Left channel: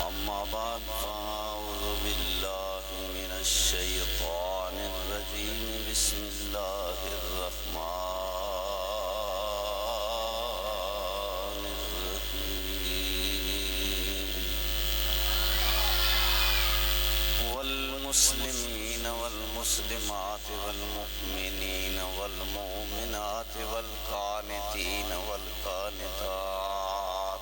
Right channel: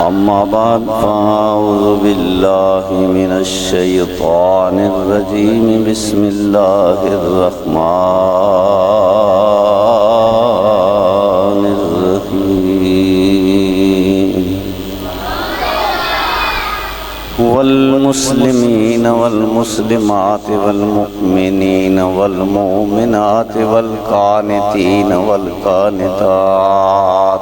أما بعد فأعوذ بالله من الشيطان الرجيم بسم الله الرحمن الرحيم والمسلمين والمسلمات والمؤمنين والمؤمنات والقانتين والقانتات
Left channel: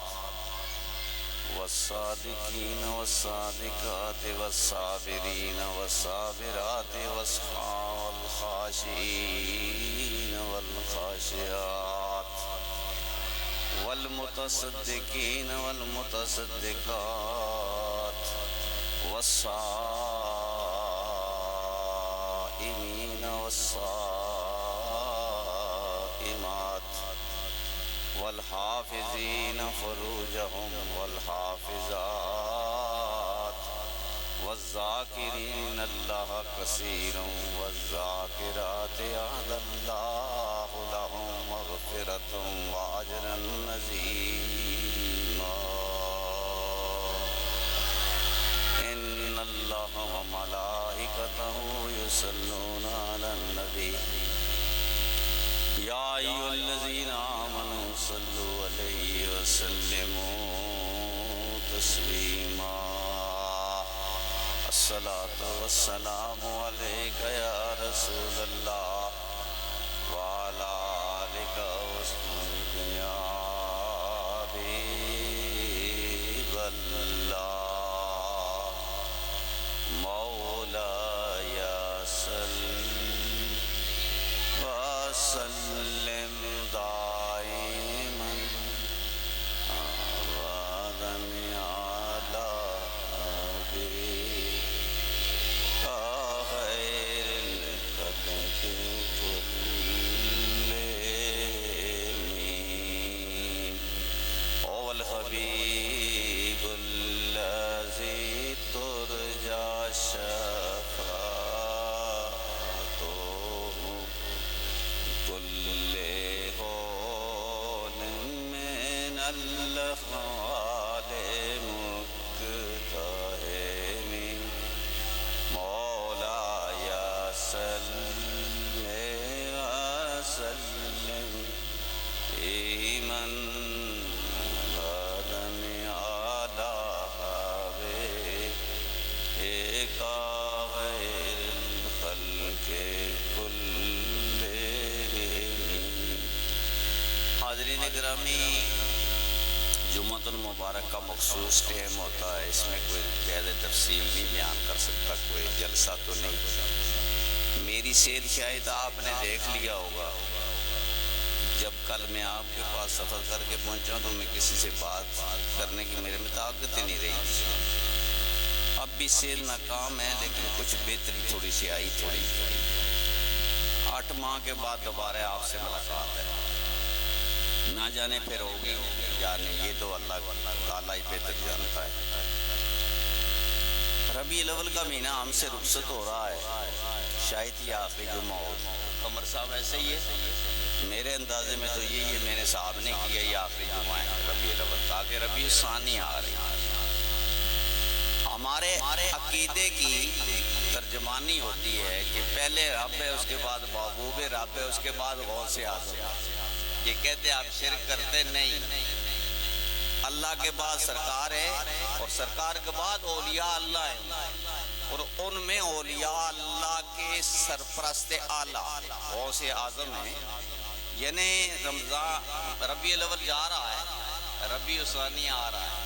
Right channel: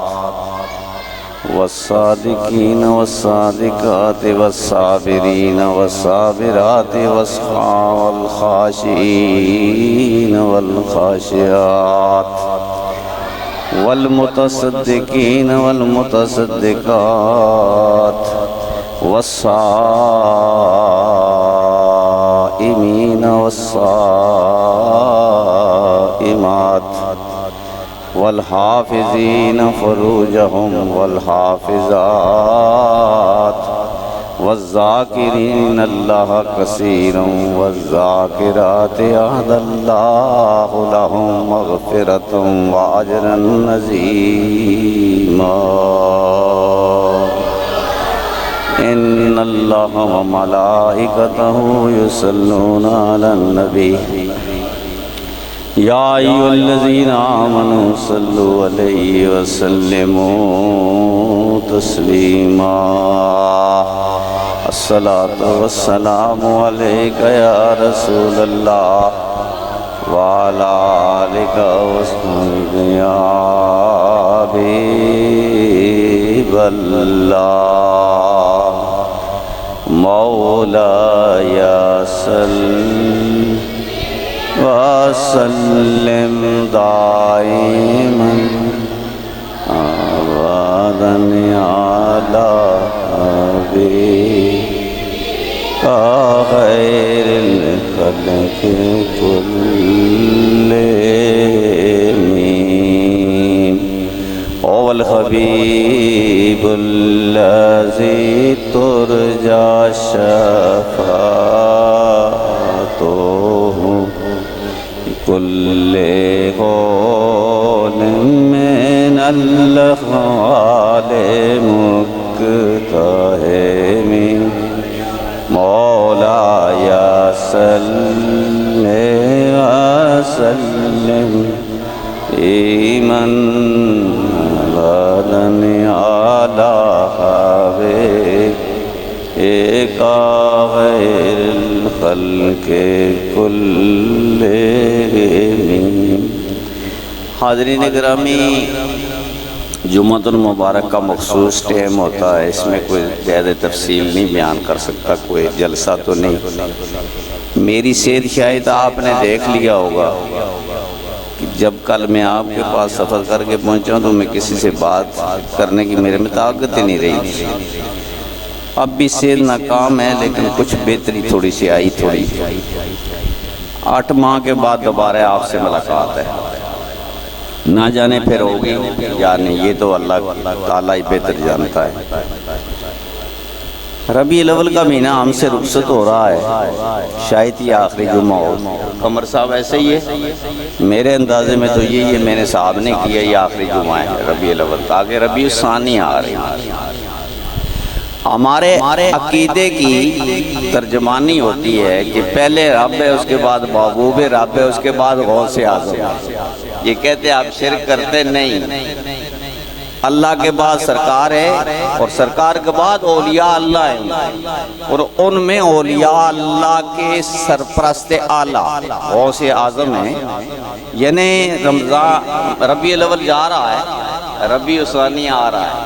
والصادقين والصادقات والصابرين والصابرات والخاشعين والخاشعات والمتصدقين والمتصدقات والصائمين والصائمات والحافظين فروجهم والحافظات والذاكرين الله كثيرا والذاكرات أعد الله لهم مغفرة وأجرا عظيما إن الله وملائكته يصلون على النبي يا أيها الذين آمنوا صلوا عليه وسلموا تسليما الصلاة والسلام عليك يا رسول الله وعلى آلك وصحبك يا حبيب الله مولاي صل وسلم دائما أبدا على حبيبك خير الخلق كلهم هو الحبيب الذي ترجى شفاعته كل قول من الأحوال مقتحم مولاي صل وسلم دائما أبدا على حبيبك خير الخلق كلهم حاضرین گرامی، جمعۃ المبارک کا مخصوص ٹائم ہوتا ہے، اس میں کوئی زیادہ تفصیل نہیں بیان کر سکتا، کوئی جلسہ تو نہیں۔ میری صحت شاید آپ نے دیکھ لیا ہوگا، جب کل میں آپ کے پاس سفر کر کے پہنچا ہوں تو میں کسی سے بات کرنے کی میرے میں طاقت ہی نہیں رہی تھی۔ اب بھی صحت ناکام ہے لیکن کچھ بہتری تھوڑی سی آئی تھوڑی۔ 8 ماہ کے بعد دوبارہ آپ سے ملاقات ہے، نہ جانے پھر ہوگی یا نہیں، یہ تو اللہ تعالیٰ ہی بہتر جانتا ہے۔ ربیع الاول کا مہینہ ہم سے رخصت ہو رہا ہے، شاید یہ آخری جمعہ ہو۔ قمر صاحب ایسے ہی ہے؟ میرے اندازے میں تو یہی ہے، میں نے صاحب نے کیا یہ آخری جمعہ ہے ربیع الاول، تاکہ ربیع الثانی آ رہی ہے۔ ہمارے عقیدے کی ترجمانی ہوتی ہے کہ پہلے رب ہے، اس کے بعد محبوب رب ہے، اس کے بعد غوث اعظم۔ یہ کہتے آپ شرک کرتے نہیں، اللہ کے بعد سرکار ہے اور سرکار کے بعد اولیاء اللہ ہیں، اور ان میں اولیاء اللہ کے سرپرست اعلیٰ غوث اعظم ہیں۔ یعنی ربیع الاول جا رہا ہے، ربیع الثانی آ رہا ہے۔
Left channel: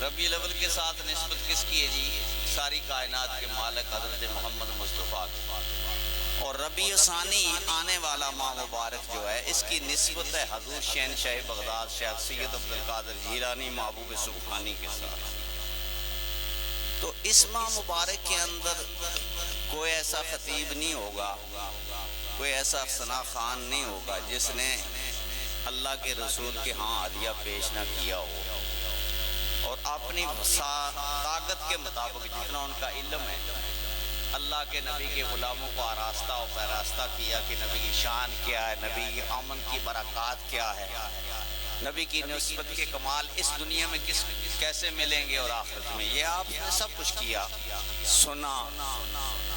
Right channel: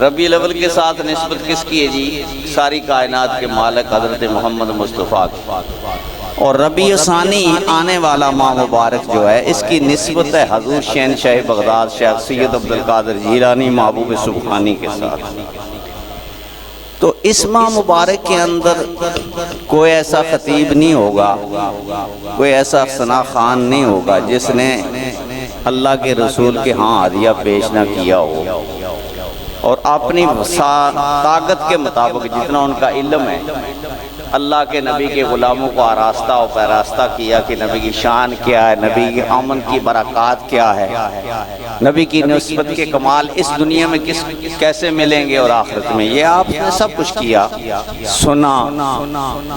ربیع الاول کے ساتھ نسبت کس کی ہے جی؟ ساری کائنات کے مالک حضرت محمد مصطفیٰ کی۔ اور ربیع الثانی آنے والا ماہ مبارک جو ہے، اس کی نسبت ہے حضور شہنشاہ بغداد شیخ سید عبدالقادر جیلانی محبوب سبحانی کے ساتھ۔ تو اس ماہ مبارک کے اندر کوئی ایسا خطیب نہیں ہوگا، کوئی ایسا ثنا خان نہیں ہوگا جس نے اللہ کے رسول کے ہاں ہدیہ پیش نہ کیا ہو، اور اپنی طاقت کے مطابق جتنا ان کا علم ہے اللہ کے نبی کے غلاموں کو آراستہ و پیراستہ کیا کہ نبی کی شان کیا ہے، نبی کی امن کی برکات کیا ہے، نبی کی نسبت کے کمال اس دنیا میں کیسے ملیں گے اور آخرت میں، یہ آپ نے سب کچھ کیا، سنا۔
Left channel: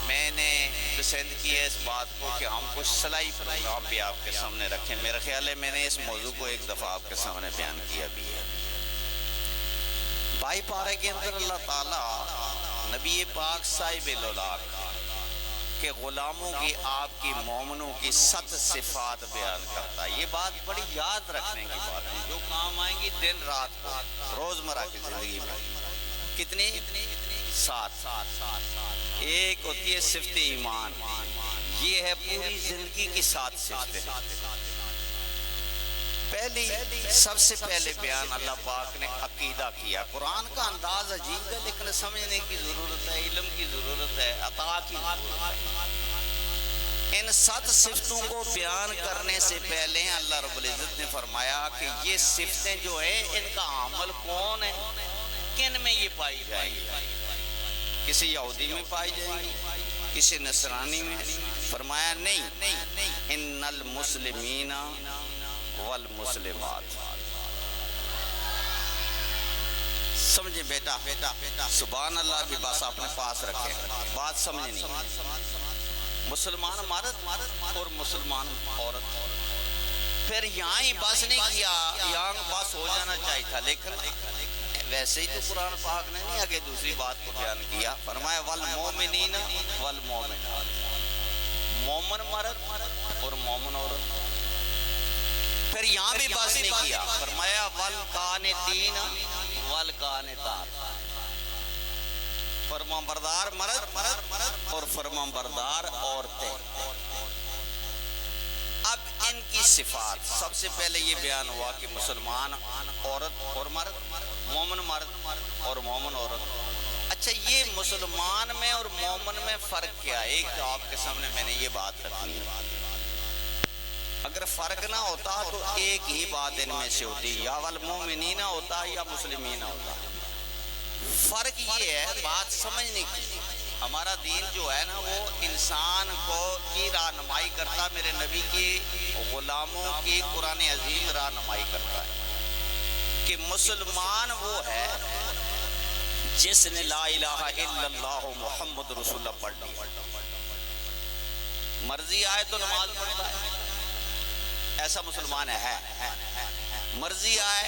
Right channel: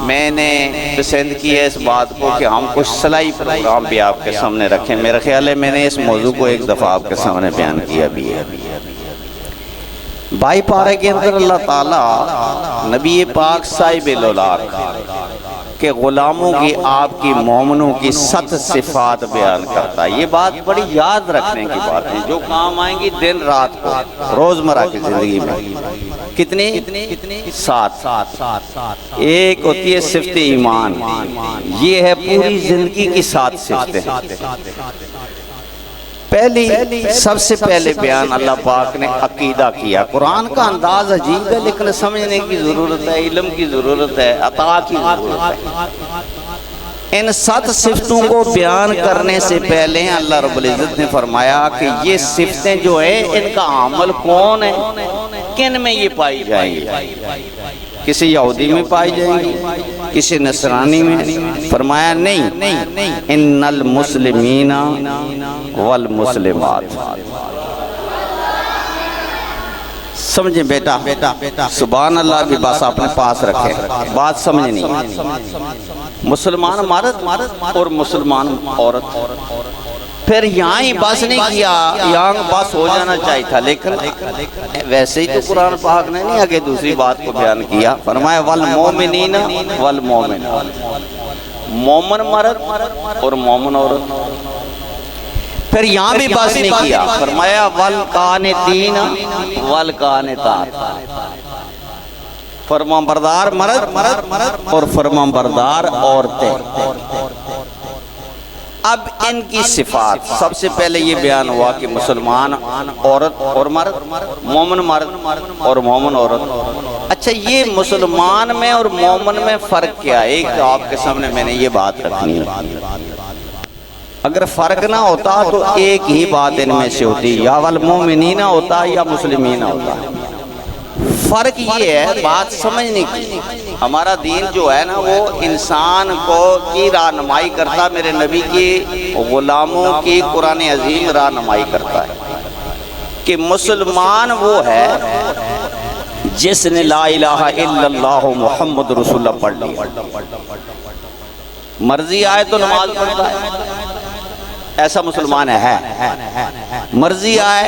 میں نے پسند کی ہے اس بات کو کہ ہم کچھ صلاحی پروگرام بھی آپ کے سامنے رکھیں۔ میرا خیال ہے میں نے اس موضوع کو ایک دفعہ آپ کے سامنے بیان کیا بھی ہے۔ بائی پارے کے اندر اللہ تعالیٰ نبی پاک صاحب الاولاق کہ غلاموں کی، آپ کی، مومنوں کی 7 صفات بیان کرتا ہے۔ یہ بات بڑی یاد رکھنے کی بات ہے، جو کام آئیں گی دن رات کو روزمرہ کی زندگی میں۔ کتنی؟ 7۔ ایک ہوتی ہے صفت ایمان، یہ ہے پوری زندگی کی 7 صفتیں۔ سب سے پہلے بیان اللہ پاک نے عقیدہ کیا۔ قرآن کا انداز عجیب ہے لیکن سمجھنے کی ضرورت ہے، علم کی ضرورت ہے، عطا کی ضرورت ہے۔ ان 7 صفتوں کو بیان کرنے سے پہلے اللہ رب العزت نے فرمایا کہ یہ صفتیں جو ہیں ان کا عمل کون ہے، کن میں یہ پائی جائیں گی؟ کسی یہودی میں پائی جائیں گی، کسی نصرانی میں؟ فرمایا نہیں، ان المسلمین والمسلمات۔ سمجھیں بیٹا، سبحان اللہ بھی بس اپنے پاس رکھیں، بات سمجھنی۔ مسلمان مرد اور مسلمان عورت، پھر یہاں ہی بس نہیں کیا، یہاں بس ہو جانا چاہیے تھا، لیکن ویسے ہی تو قرآن پاک نے نہیں آگے دوسری بات کو بیان کیا۔ فرمایا والمومنین والمومنات، مومن مرد اور مومن عورت۔ پھر یہاں بھی بس نہیں کیا، فرمایا والقانتین والقانتات، فرمانبردار مرد اور فرمانبردار عورتیں۔ اب ان کی صفات، سب سے پہلے یہ بیان ہوا کہ مسلمان عورت اور مرد، مومن مرد اور مومن عورت۔ اچھا، یہ مسلمان میں اور مومن میں فرق کیا ہے؟ ایک تو آپ کے سامنے میں نے یہ بات رکھنی ہے۔ اگر فرق نہ ہوتا تو ایک ہی بات ان میں سے ہوتی، یا والمومنین ہوتا یا مسلمین ہوتا۔ فرق یہ ہے، بات سمجھنے کی۔ ہمارا دین جو ہے نا وہ انسان کو کی رہنمائی کرتا، میرے نبی کی غلاموں کی قرآن عظیم رہنمائی کرتا ہے کہ مسلمان وہ ہے جس نے لا الہ الا اللہ محمد رسول اللہ پڑھ لیا، مرضی آئے تو نماز پڑھتا ہے، ایسا مسلمان ہے۔ مرضی آئے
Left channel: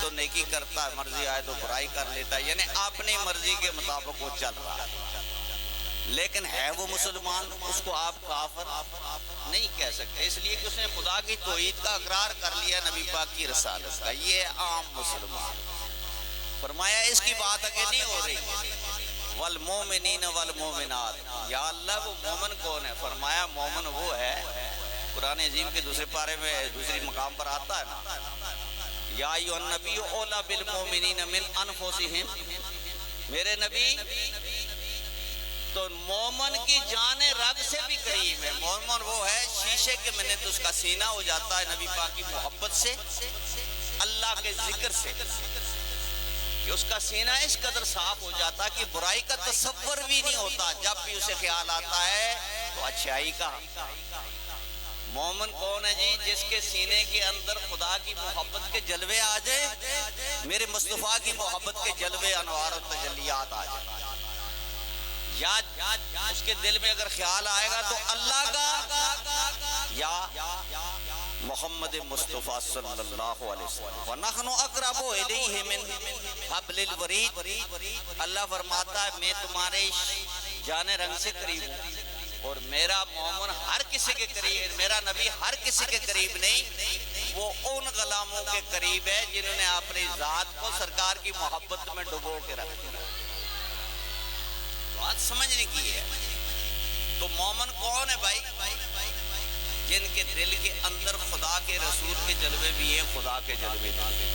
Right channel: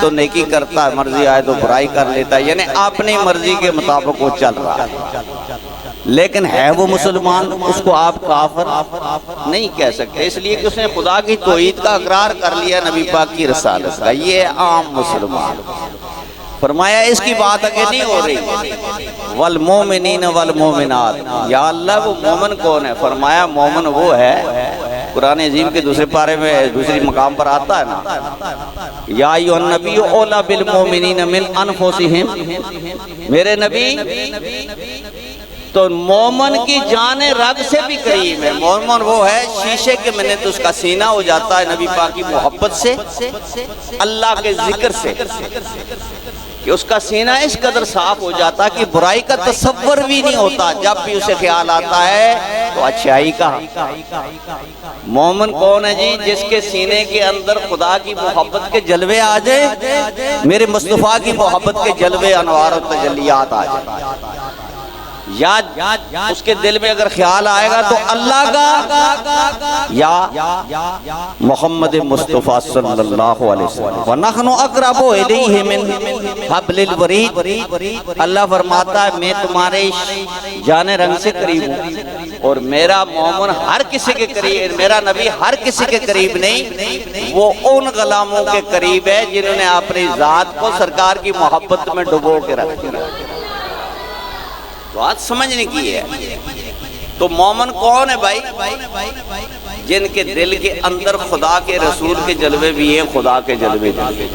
تو نیکی کرتا ہے، مرضی آئے تو برائی کر لیتا ہے، یعنی اپنی مرضی کے مطابق وہ چل رہا ہے، لیکن ہے وہ مسلمان، اس کو آپ کافر نہیں کہہ سکتے، اس لیے کہ اس نے خدا کی توحید کا اقرار کر لیا، نبی پاک کی رسالت کا۔ یہ عام مسلمان۔ فرمایا اس کی بات آگے نہیں ہو رہی، والمومنین والمومنات۔ یا اللہ وہ مومن کون ہے؟ فرمایا مومن وہ ہے، قرآن عظیم کے دوسرے پارے میں دوسری مقام پر آتا ہے نا، یا ایھا النبی اولی بالمومنین من انفسہم، میرے نبی تو مومن کی جان رگ سے بھی قریب ہے۔ مومن وہ ہے شیشے کے منت اس کا سینہ ہو جاتا ہے نبی پاک کی محبت سے، اللہ کے ذکر سے، کہ اس کا سینہ اس قدر صاف ہو جاتا کہ برائی کا تصور بھی نہیں ہوتا، جب بھی اسے خیال آتا ہے تو اچھائی کا۔ مومن کون ہے جی؟ جس کے سینے کے اندر خدا کی محبت کے جلوے آ جائے، میرے مصطفیٰ کی محبت کے جلوے، انوار و تجلیات آ جائے، یا اس کے دل میں اگر خیال آئے گا تو اللہ کا یا محمد مصطفیٰ صلی اللہ علیہ وسلم۔ وَنَحْنُ أَقْرَبُ إِلَيْهِ مِنْ حَبْلِ الْوَرِيدِ، اللہ فرماتا ہے میں تمہارے جان رنگ سے قریب ہوں، اور میرا مومن ہر کسی کے قریب، میرا نبی ہر کسی کے قریب نہیں، وہ ان غلاموں کے قریب ہے جنہوں نے اپنی ذات کو سرکار کی محبت میں ڈبو کے رکھ دیا۔ بات سمجھنے کی ہے۔ تو مومن کون ہے بھائی؟ جن کے دل کے اندر خدا کے رسول کے جلوے بھی ہیں، خدا کے جلوے بھی۔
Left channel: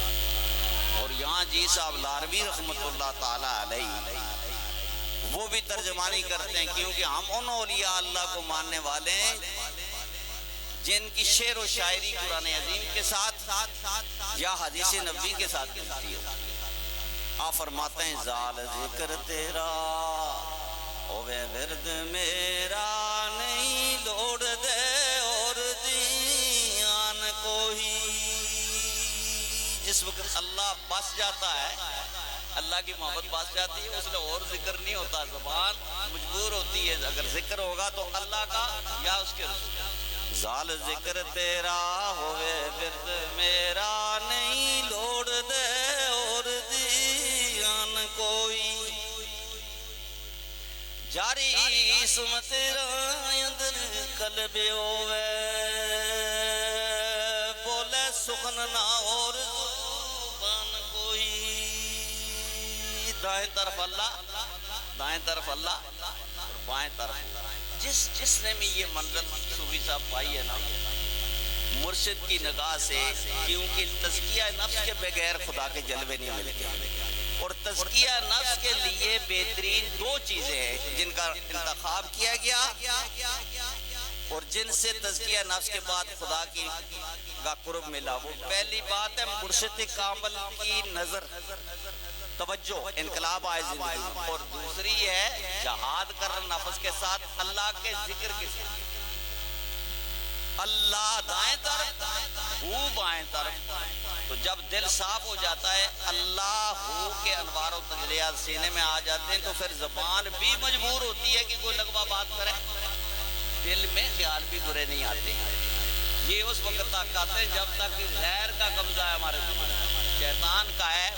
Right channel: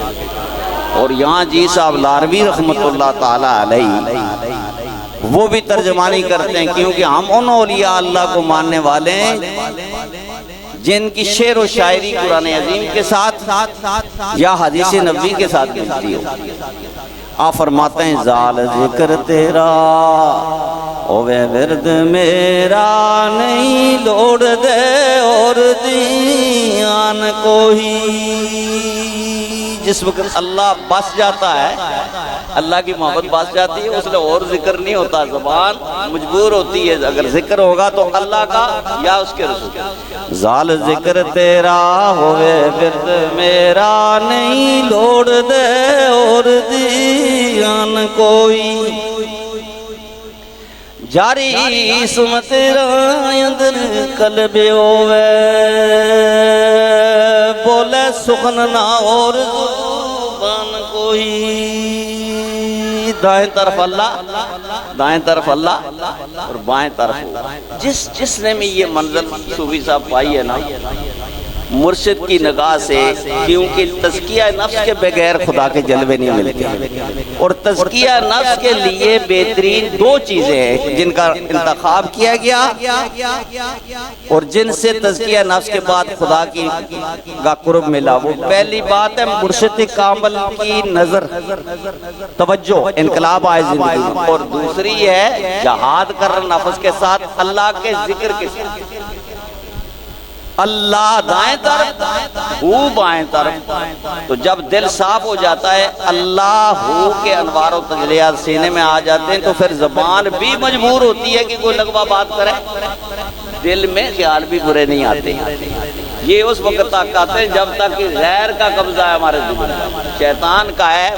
اور یہاں جی صاحب لاروی رحمت اللہ تعالی علیہ وہ بھی ترجمانی کرتے ہیں، کیونکہ ہم ان اولیاء اللہ کو ماننے والے ہیں جن کی شعر و شاعری قرآن عظیم کے ساتھ یا حدیث نبوی کے ساتھ ملتی ہو۔ آپ فرماتے ہیں زال ذکر تیرا ہوے ورد میرا نہیں لوڑ دے اور دیان کوئی۔ جس وقت اللہ بس جاتا ہے، اللہ کی محبت بس جاتی ہے، اس لئے اور ذکر نہیں ہوتا، زبان مجبور ہوتی ہے اگر ذکر ہوگا تو اللہ کا یا اس کے رسول۔ زال ذکر تیرا ہوئے ورد میرا نہیں لوڑ دے اور دیان کوئی۔ جاری اسم تیرا اندر قلب ہوئے بولے سخن نہ اور زبان کوئی۔ دائیں طرف اللہ، دائیں طرف اللہ اور بائیں طرف جس نے میں یہ منزل صوفی صاحب پائی ہے نا مرشد کی نگاہ سے، کیونکہ تزکیہ نفس کے بغیر خدا کے جلوے نہیں ملتے، اور تزکیہ نفس کے لیے بہترین دو چیزیں ہیں جن کا انتخاب کیا گیا اور جن سے تزکیہ نفس کے بعد خدا کی کا قرب ملا۔ وہ پہلی بات ہے مرشد کامل کی نظر، توجہ، انقلاب آئے زندگی میں، اور دوسری ہے جہاد کر نفس کے ساتھ اللہ کے ذکر کے ساتھ۔ اللہ دائیں طرف، ہو بائیں طرف۔ تو جب دل صاف ہو جاتا ہے، اللہ ہو کے انوار و تجلیات سینے میں آ جاتے ہیں، تو پھر زبان بھی مجبور ہوتی ہے کہ کوئی لغوہ بات کرے، دل میں خیال بھی برے نہیں آتے۔ یہ اس وقت تک آتے ہیں جب تک کہ غیر کا قبضہ ہے ہمارے دل میں، شیطان کا ہے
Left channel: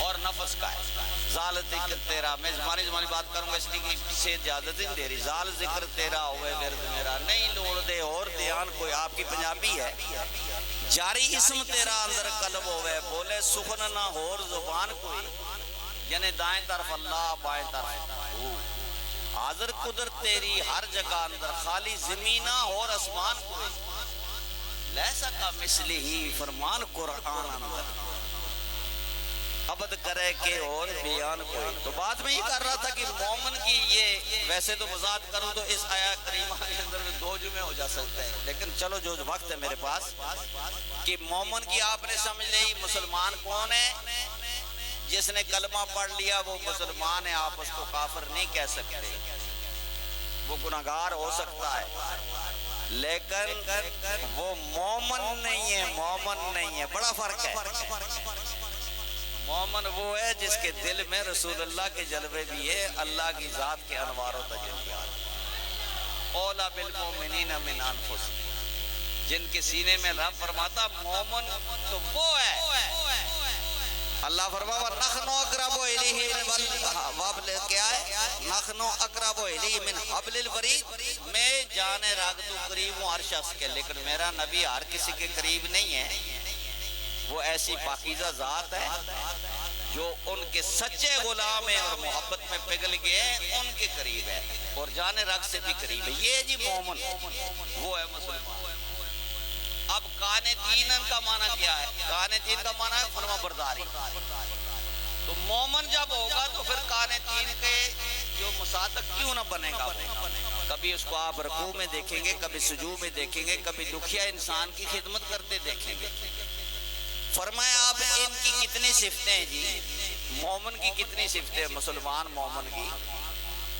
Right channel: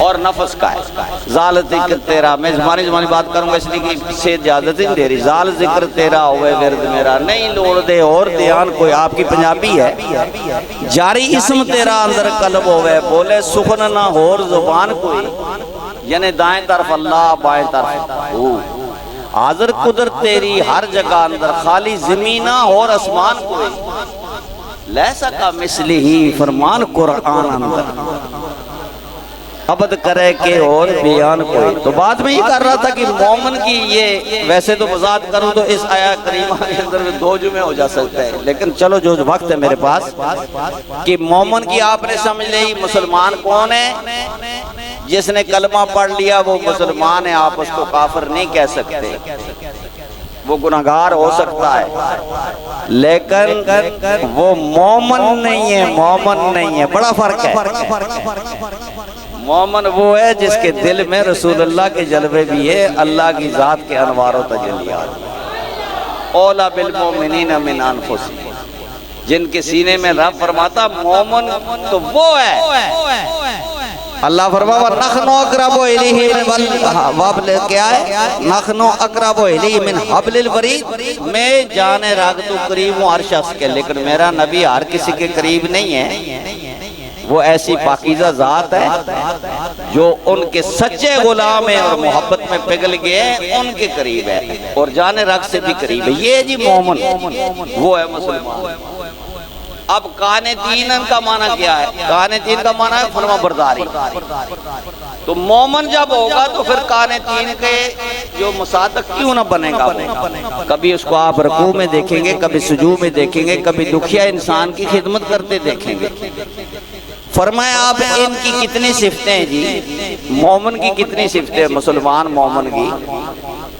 اور نفس کا ہے۔ زال ذکر تیرا، میں زمانی بات کروں گا اس لیے کہ سے اجازت نہیں دے رہی۔ زال ذکر تیرا ہوئے ورد میرا نہیں لوڑ دے اور دیان کوئی، آپ کی پنجابی ہے۔ جاری اسم تیرا اندر قلب ہوئے بولے سخن نہ اور زبان کوئی، یعنی دائیں طرف اللہ بائیں طرف ہو۔ حاضر قدرت تیری ہر جگہ اندر، خالی زمینہ اور اسمان کوئی، لیسا کا مثلی ہی فرمان قرآن اندر، عبد کرے کہ اور بیان کوئی۔ تو بات میں یہ کر رہا تھا کہ مومن کی یہ، ویسے تو وضاحت کروں تو اس آیت کریمہ کے اندر میں 2 جمعے ہو جا سکتے ہیں، لیکن چلو جو وقت ہے میرے پاس، کہ مومن کی آپ نے سمجھ لئی مسلمان کون ہے؟ جس نے کلمہ پڑھ لیا وہ مسلمان ہے، آپ اس کو کافر نہیں کہہ سکتے، وہ گناہگار ہو سکتا ہے لیکن وہ مومن نہیں ہے، مومن نہیں ہے، بڑا فرق ہے۔ مومن وہ ہے جس کے دل میں رسول اللہ کے جلوے بھی ہے، اللہ کی ذات کے انوار و تجلیات۔ اولا بالمومنین من انفسہم، جن کے سینے میں رب فرماتا مومن تو وہ ہے۔ اللہ فرماوا نحن اقرب الیہ من وابل، کیا ہے؟ نحن اقرب الیہ من حبل الورید، میں جان راگ تو قریب ہوں ہر شخص کے، لیکن میرا نبی ہر کسی کے قریب نہیں ہے۔ وہ ایسی پاکیزہ ذات ہے جو ان کے سچے غلام ہیں اور محبت میں پگھل گئے ہیں، ان کے قریب ہے اور جان راگ سے بھی قریب ہے۔ یہ جی مومن، وہ ہے مسلمان۔ اب قانتین کا معنی کیا ہے؟ قانتین کا معنی ہے فرما برداری۔ تو مومن جب ہوگا تو پھر قانتین کے جو مصادق کیوں نہ بنے گا وہ؟ کبھی اس کو آپ رکوع میں دیکھیں گے، کبھی سجود میں دیکھیں گے، کبھی دکھیا انسان کی خدمت کرتے دیکھیں گے۔ فرمایا آپ ان کی کتنی صفتیں ہیں جی؟ مومن کی کتنی صفتیں؟ مسلمان مومن کی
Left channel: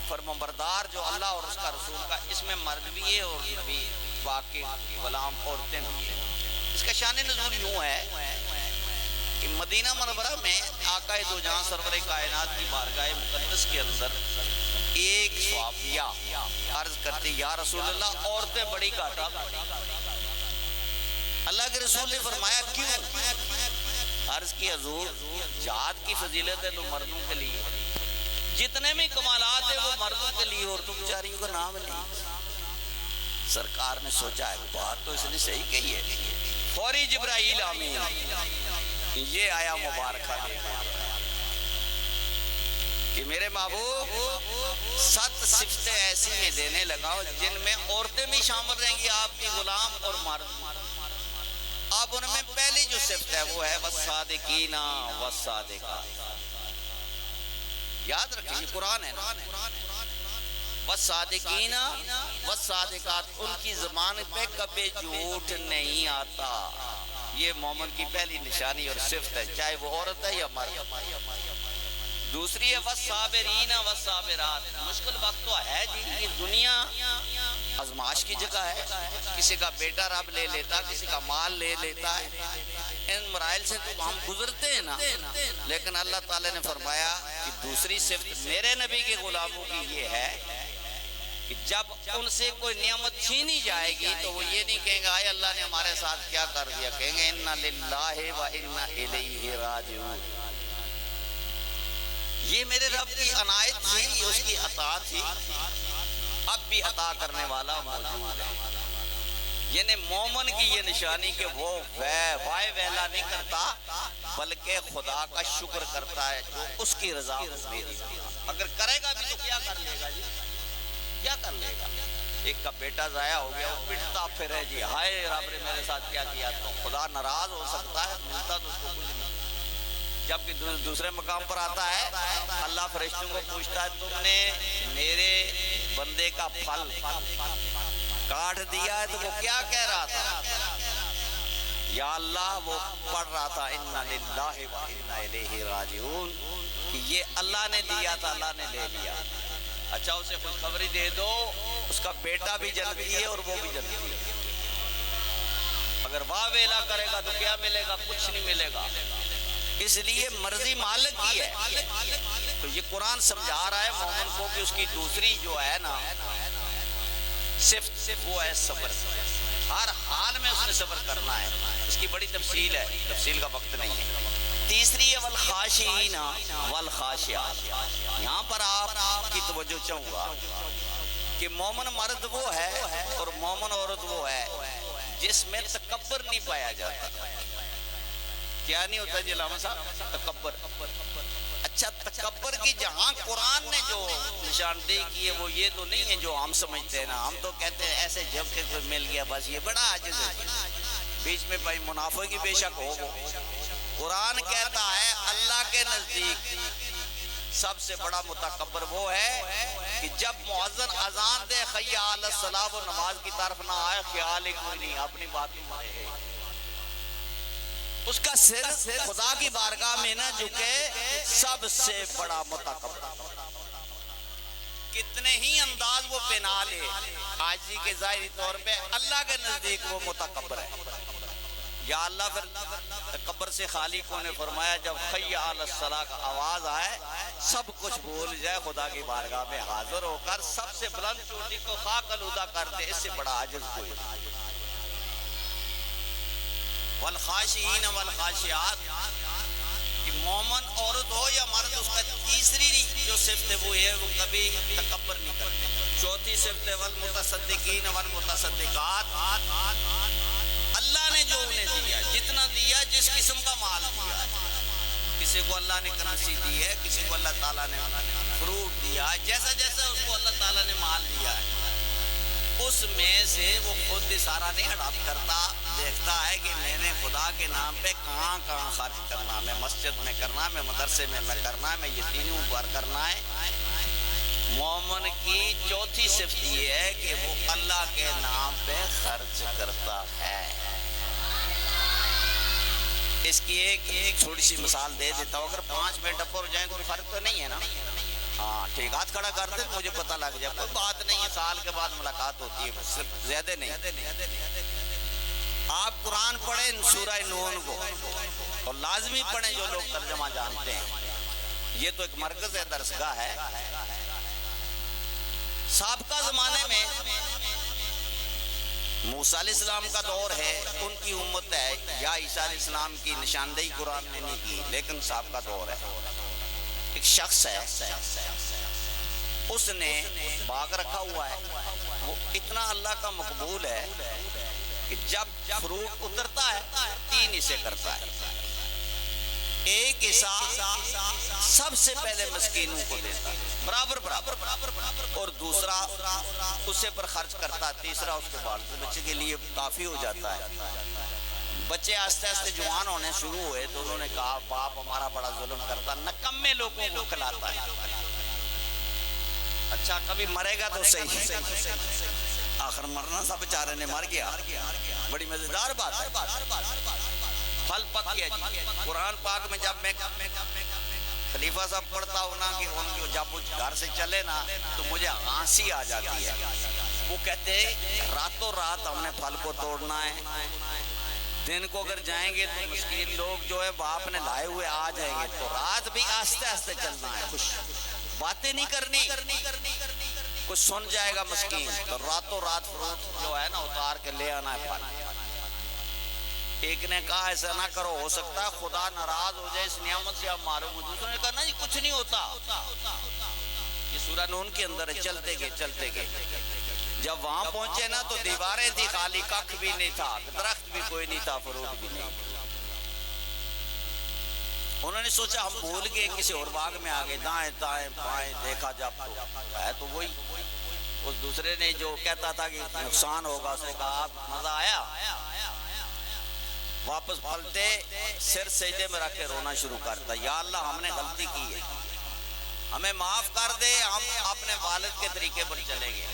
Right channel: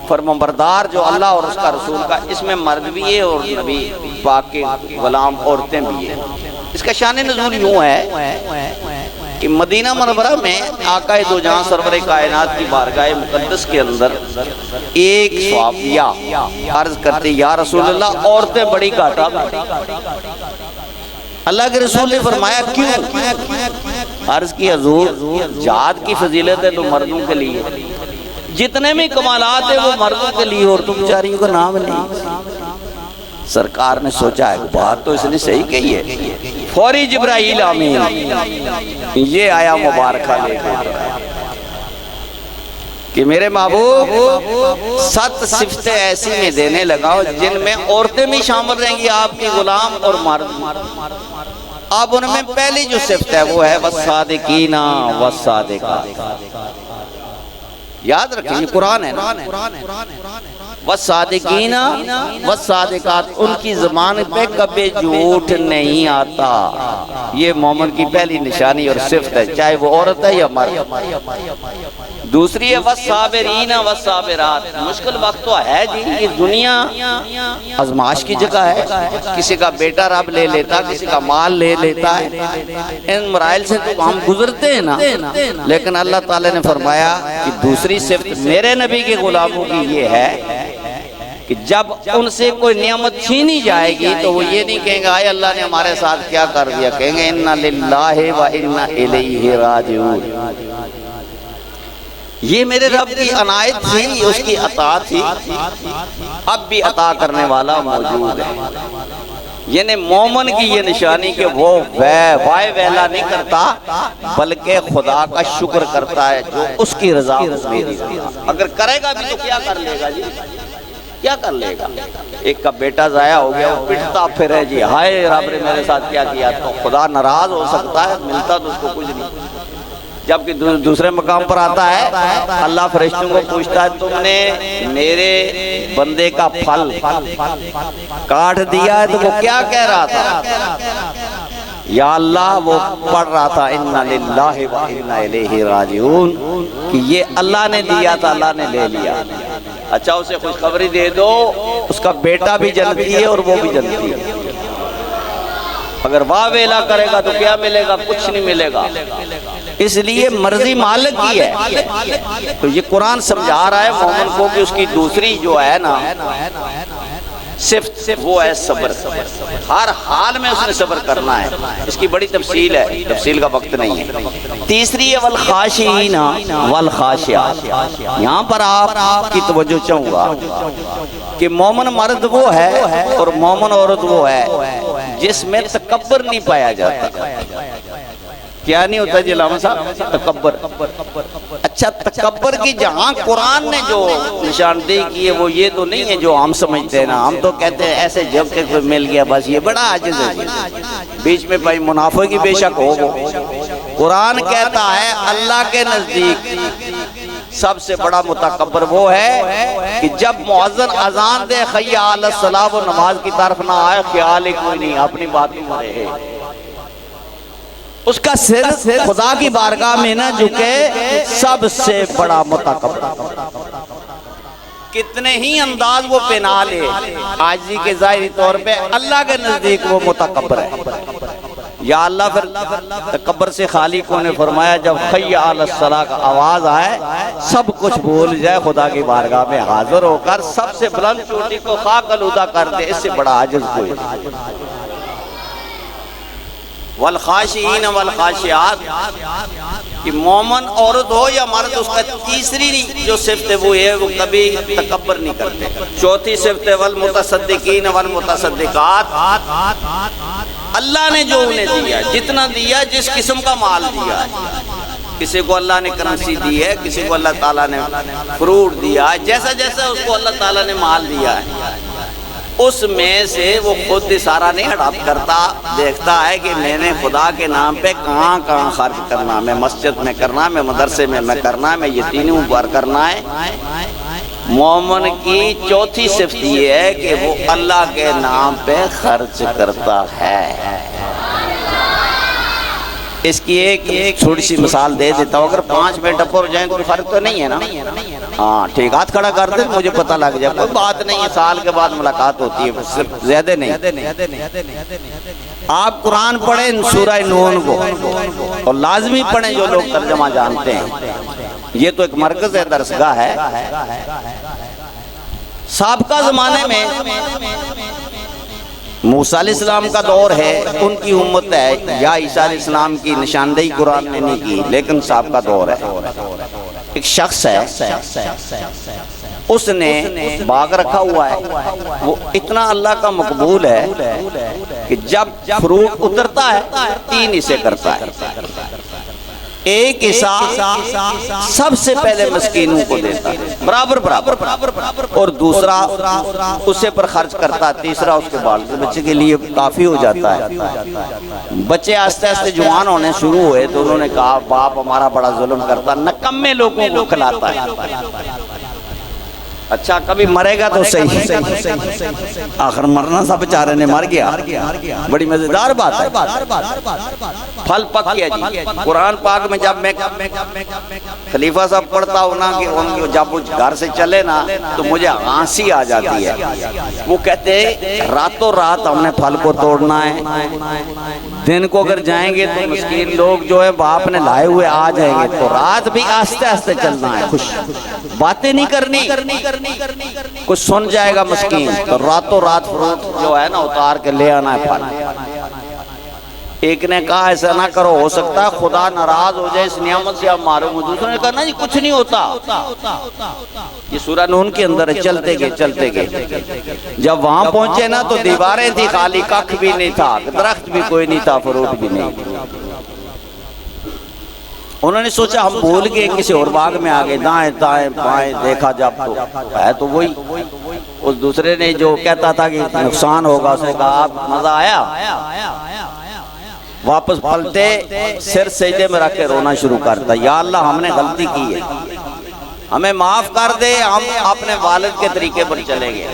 فرمانبردار جو اللہ اور اس کا رسول کا، اس میں مرد بھی ہے اور نبی پاک کے غلام عورتیں بھی ہیں۔ اس کا شان نزول یوں ہے کہ مدینہ منورہ میں آقا دو جہاں سرور کائنات کی بارگاہ مقدس کے اندر ایک صحابیہ عرض کرتے یا رسول اللہ عورتیں بڑی گھاٹا۔ اللہ کے رسول نے فرمایا کیوں؟ عرض کی حضور جہاد کی فضیلت ہے تو مردوں کے لیے، جتنے میں کمالات ہیں وہ مردوں کے لیے، اور تم بیچاریوں کا نام نہیں۔ سرکار نے سوچا ہے بات تو اس نے صحیح کہی ہے، فوری جبرائیل آمین یہ آیا مبارکہ لے کے کہ میرے محبوب 7 صفتیں ایسی میں دینے لگا جن میں عورتیں بھی شامل رہیں گی، آپ کی غلام اور مرد۔ اب ان میں پہلی جو صفت ہے وہ ہے والصادقین والصادقات۔ یاد رکھیں یہ قرآن ہے نا، والصادقین والصادقات، ان کی زبان پہ کبھی جھوٹ نہیں آتا۔ یہ مومن کی پہلی نشانی اور صفت ہے، چاہے وہ عورت ہے یا مرد۔ دوسری ہے والصابرین والصابرات، مشکل وقت تو ہے جی، یہ دنیا آزمائش کی جگہ ہے، کسی کا بیٹا رب لے لیتا، کسی کا مال لے لیتا ہے، ان مراحل سے تو ہم گزرتے ہیں نا، لیکن اللہ تعالیٰ نے فرمایا کہ دوسری صفت میرے نبی کے غلاموں کی یہ ہے کہ جب ان سے کوئی نعمت چھینی جائے گی تو وہ یہ نہیں کہیں گے آئے اللہ نے ہمارے ساتھ کیا کر دیا، کہیں گے انا للہ و انا الیہ راجعون۔ یہ میرے رب کی عنایت تھی، اس کی عطا تھی، اب بھی عطا کرنے والا موجود ہے۔ یعنی مومن کی یہ نشانی کہ وہ وائے ویلا نہیں کرتا بلکہ خدا کا شکر کرتا ہے جو اس کی رضا میری رضا۔ اگر کرے گا بھی تو کیا کر لے گا جی، کیا کر لے گا؟ ایک کا بیٹا ضائع ہو گیا، وہ پٹتا پھر ہے جی ہائے رب نے میرے ساتھ کیا کیا، تو خدا ناراض ہو سکتا ہے، ملتا تو اس کو کچھ نہیں۔ جبکہ دوسرے مقام پر آتا ہے اللہ فرشتوں کو پوچھتا ہے تم نے میرے بندے کا پھل کاٹ دیا ہے، تو وہ کیا کہہ رہا تھا؟ یا اللہ وہ پڑھ رہا تھا انا للہ و انا الیہ راجعون، کہ یہ اللہ نے دیا تھا، اللہ نے لے لیا۔ اچھا اسے خوشخبری دے دو اس کا بیٹا بھی جنتی ہے اور وہ بھی جنتی ہے۔ اگر واہ ویلا کرے گا تو کیا ملے گا؟ کچھ نہیں ملے گا۔ اس لیے مرضی مالک کی ہے۔ تو یہ قرآن سمجھا رہا ہے مومن کو کہ اس کی دوسری جو ہے نا صفت وہ ہے صبر، ہر حال میں اس نے صبر کرنا ہے۔ اس کی بڑی تفصیل ہے، تفصیل کا وقت نہیں ہے۔ تیسری ہے والخاشعین والخاشعات، یہاں پر آپ کی توجہ چاہوں گا کہ مومن مرد وہ ہے اور مومن عورت وہ ہے جس میں تکبر نہیں پایا جاتا۔ کیا نہیں ہوتا جی علامہ صاحب؟ تکبر۔ اچھا تکبر کی جہاں قرآن نے جو نشاندہی کی ہے وہ یہ تو نہیں ہے جو ہم سمجھتے ہیں نا، ہم تو کہتے ہیں ایسے جب کہ کوئی مل گیا بس یہ بڑا عاجز ہے، بیچ میں بھائی منافع کی بے شک ہو وہ۔ قرآن کہتا ہے اللہ کے نزدیک سب سے بڑا متکبر وہ ہے کہ جب مؤذن اذان دے حی علی الصلاۃ وہ نماز کی طرف نہ آئے، خیال ہی کوئی نہیں، اپنی بات میں رہے، اس کا سر خدا کی بارگاہ میں نہ جھکے، سب سے بڑا متکبر۔ کتنے ہی انداز وہ پہنا لے عاجزی کے ظاہری طور پہ، اللہ کے نزدیک وہ متکبر ہے۔ یا اللہ پھر تکبر سے خالق نے فرمایا جب حی علی الصلاۃ کا آواز آئے سب کچھ بھول جائے، خدا کی بارگاہ میں حاضر ہو کر سب سے بلند چوٹی کو خاک آلودہ کر دے، اس سے بڑا عاجز کوئی نہیں۔ والخاشعین والخاشعات، کہ مومن عورت ہو یا مرد اس کا تیسری جو صفت ہے وہ یہ وہ کبھی تکبر نہیں کرتے۔ چوتھی صفت ہے والمتصدقین والمتصدقات، اللہ نے جو انہیں دیا جتنا دیا، جس قسم کا مال دیا ہے، کسی کو اللہ نے کرنسی دی ہے، کسی کو اللہ تعالیٰ نے فروٹ دیا ہے، جیسا جیسا اس کو اللہ تعالیٰ نے مال دیا ہے اس میں سے وہ خود سارا نہیں ہڑپ کرتا، دیکھتا ہے کہ میں نے خدا کے نام پہ کہاں کہاں خرچ کرنا، میں مسجد میں کرنا، میں مدرسے میں کرنا، میں یتیموں پر کرنا ہے۔ مومن کی چوتھی صفت یہ ہے کہ وہ اللہ کے نام پہ خرچ کرتا ہے۔ اس کی ایک چھوٹی سی مثال دے دیتا ہوں، اگر 5 منٹ اپ اور جائیں کوئی فرق تو نہیں ہے نا؟ ہاں ٹھیک، ہاتھ کھڑا کر دیں مجھے پتہ لگ جائے، کوئی بات نہیں ہے، سال کے بعد ملاقات ہوتی ہے، صرف زیادہ نہیں۔ آپ قرآن پڑھیں سورہ نون کو، اور لازمی پڑھیں جو لوگ ترجمہ جانتے ہیں، یہ تو ایک مرکز ہے، درسگاہ ہے۔ سابقہ زمانے میں موسیٰ علیہ السلام کا دور ہے، ان کی امت ہے، یا عیسیٰ علیہ السلام کی نشاندہی قرآن نے نہیں کی، لیکن سابقہ دور ہے۔ ایک شخص ہے، اس نے باغ رکھا ہوا ہے، وہ اتنا اللہ کا مقبول ہے کہ جب فروٹ اترتا ہے 3 حصے کرتا ہے۔ ایک حصہ سب سے پہلے مسکینوں کو دیتا ہے، برابر برابر، اور دوسرا اسے پر خرچ کرتا ہے، تیسرا اس کے بال بچے کے لیے کافی ہو جاتا ہے۔ بچے آہستہ آہستہ جوان ہونے شروع ہوئے تو انہوں نے کہا باپ ہمارا بڑا ظلم کرتا، نکمے لوگوں کو کھلاتا ہے۔ اچھا کبھی مرے گا تو صحیح، آخر مرنا سا بیچارے نے مر گیا، بڑی مزیدار بات ہے۔ پھل پک گیا جی۔ قرآن پاک میں جب میں خلیفہ صاحب پڑھتا ہوں نا کہ جب وہ گھر سے چلے نا تو مجھے ہنسی آ جاتی ہے۔ وہ کہتے ہیں راتوں رات ہم نے پھل کو توڑنا ہے، دن کو اگر جائیں گے تو مسکین لوگ جو ہے باپ نے لائے ہوئے آ جائیں گے، تو رات بھی آہستہ آہستہ چلنا ہے، خوش باتیں نہیں کرنی، کچھ سن جائے گا مسکین، تو راتوں رات فروٹ جو ہے نا اتار کے لے آنا ہے پھل۔ ایک نے کہا ایسا نہ کرو، ہو سکتا ہے خدا ناراض ہو جائے اس نعمت سے آپ معروم ہو۔ دوسرے نے کہا نا جی کچھ نہیں ہوتا۔ یہ سورہ نون کے اندر ہے، چلتے گئے۔ جب وہاں پہنچے نا تو دیواریں تھی خالی، ککھ بھی نہیں تھا، درخت بھی کوئی نہیں تھا، فروٹ بھی نہیں۔ انہوں نے سوچا ہم بھول گئے کسی اور باغ میں آگے، دائیں دائیں بائیں دیکھا جب تو ہے تو وہی۔ اس دوسرے نے جو کہتا تھا کہ نقصان ہوگا، اس نے کہا آپ مزہ آیا؟ واپس پلٹے، سر سجدے میں رکھ کے رونا شروع کرتا، یا اللہ ہم نے غلطی کی ہے، ہمیں معاف کر دے، ہم اپنے والد کے طریقے پر چلیں گے،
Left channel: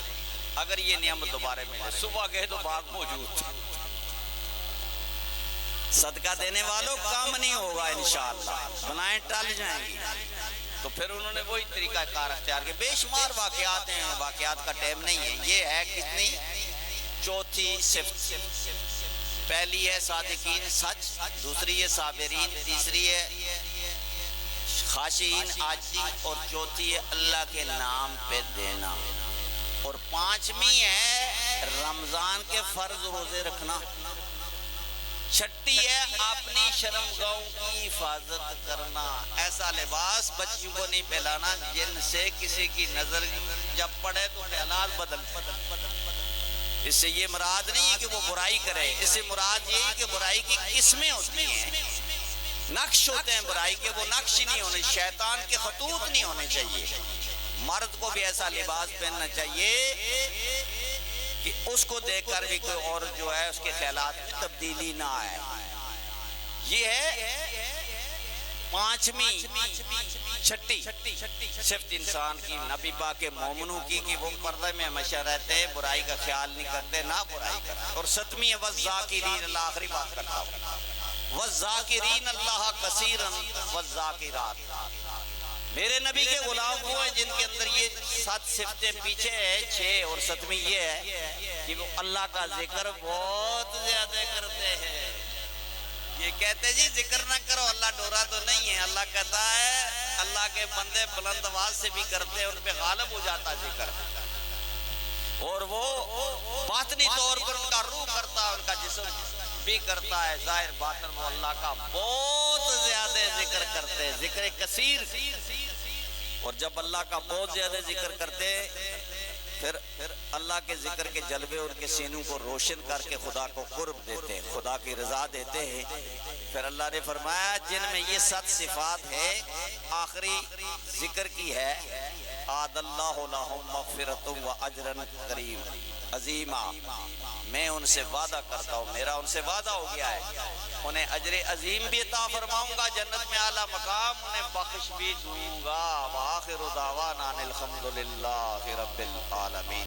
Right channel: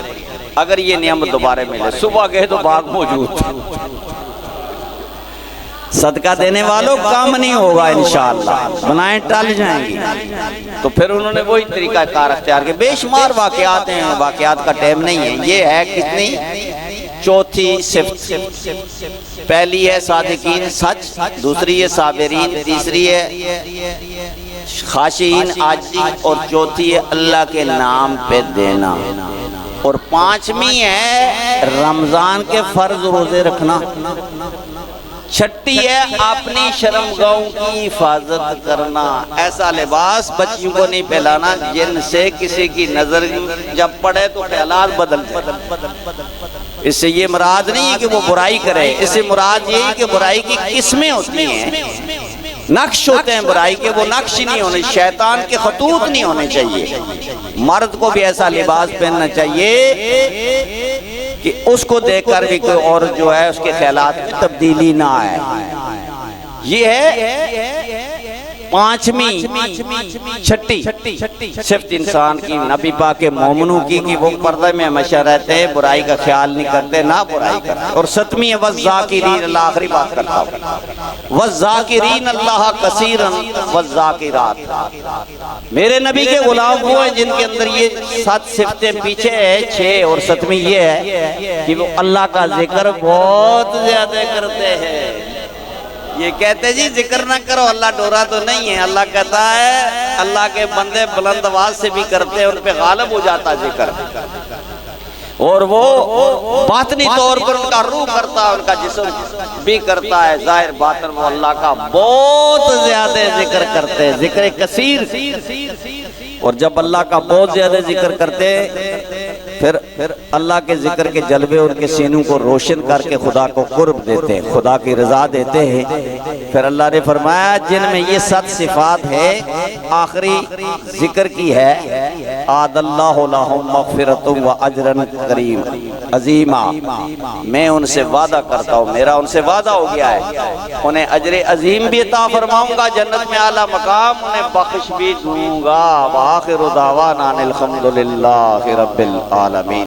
اگر یہ نعمت دوبارہ ملے۔ صبح گئے تو باغ موجود تھا۔ صدقہ دینے والوں کام نہیں ہوگا انشاءاللہ، بنائیں ٹل جائیں گی۔ تو پھر انہوں نے وہی طریقہ کار اختیار کیا۔ بے شمار واقعات ہیں، واقعات کا ٹائم نہیں ہے۔ یہ ہے کتنی؟ چوتھی صفت۔ پہلی ہے صادقین سچ، دوسری ہے صابرین، تیسری ہے خاشعین عاجزی، اور چوتھی ہے اللہ کے نام پہ دینا، اور پانچویں ہے رمضان کے فرض روزے رکھنا، چھٹی ہے اپنی شرمگاہوں کی حفاظت کرنا، ایسا لباس بچیوں کو نہیں پہلانا جن سے کسی کی نظر جب پڑے تو خیالات بدل جائے۔ اس سے یہ مراد نہیں ہے کہ وہ برائی کرے، اس سے مراد یہ ہے کہ برائی کی قسمیں ہوتی ہیں، نقش ہوتے ہیں برائی کے، وہ نقش نہیں ہونے، شیطان کے خطوط نہیں ہونے چاہیے۔ مرد کو بھی ایسا لباس پہننا چاہیے کہ اس کو دیکھ کر بھی کوئی اور جو ہے اس کے خیالات میں تبدیلی نہ آئے۔ یہ ہے پانچویں چھٹی صفت انسان کی، نبی پاک کے مومنوں کی، کہ وہ پردے میں ہمیشہ رہتے ہیں، برائی کا خیال نہیں کرتے، نہ برائی کرتے۔ اور ستویں ہے والذاکرین اللہ، آخری بات کرتا ہوں، والذاکرین اللہ کثیرا والذاکرات۔ میرے نبی کے غلام وہ ہیں جن کے اندر یہ 7 صفتیں پیچھے ہے، 6 اور 7ویں یہ ہے کہ وہ اللہ کا ذکر بہت زیادہ کرتے ہیں۔ یہ کہتے جی ذکر نہ کرو، اللہ ڈورا تو نہیں ہے۔ اللہ کہتا ہے اللہ کے بندے بلند آواز سے بھی کرتے ہیں، ان پہ غالب ہو جاتا ذکر، اور وہ باطنی طور پر ان کا روح کرتا ہے، ان کا جسم بھی کرتا ہے، ظاہر باطن وہ اللہ کا بہت زیادہ ذکر کرتے ہیں، ذکر کثیر۔ اور جب اللہ کا بہت زیادہ ذکر کرتے پھر اللہ کے ذکر کے جلوے ان کے سینوں کو روشن کر کے خدا کو قرب دیتے ہیں، خدا کی رضا دیتے ہیں۔ پھر اللہ نے فرمایا جن میں یہ 7 صفات ہے، آخری ذکر کی ہے، آد اللہ لہم مغفرۃ و اجرا عظیما، میں ان سے وعدہ کرتا ہوں، میرا ان سے وعدہ ہو گیا ہے، انہیں اجر عظیم بھی عطا فرماؤں گا، جنت میں اعلیٰ مقام، انہیں بخش بھی دوں گا۔ وآخر دعوانا الحمدللہ رب العالمین۔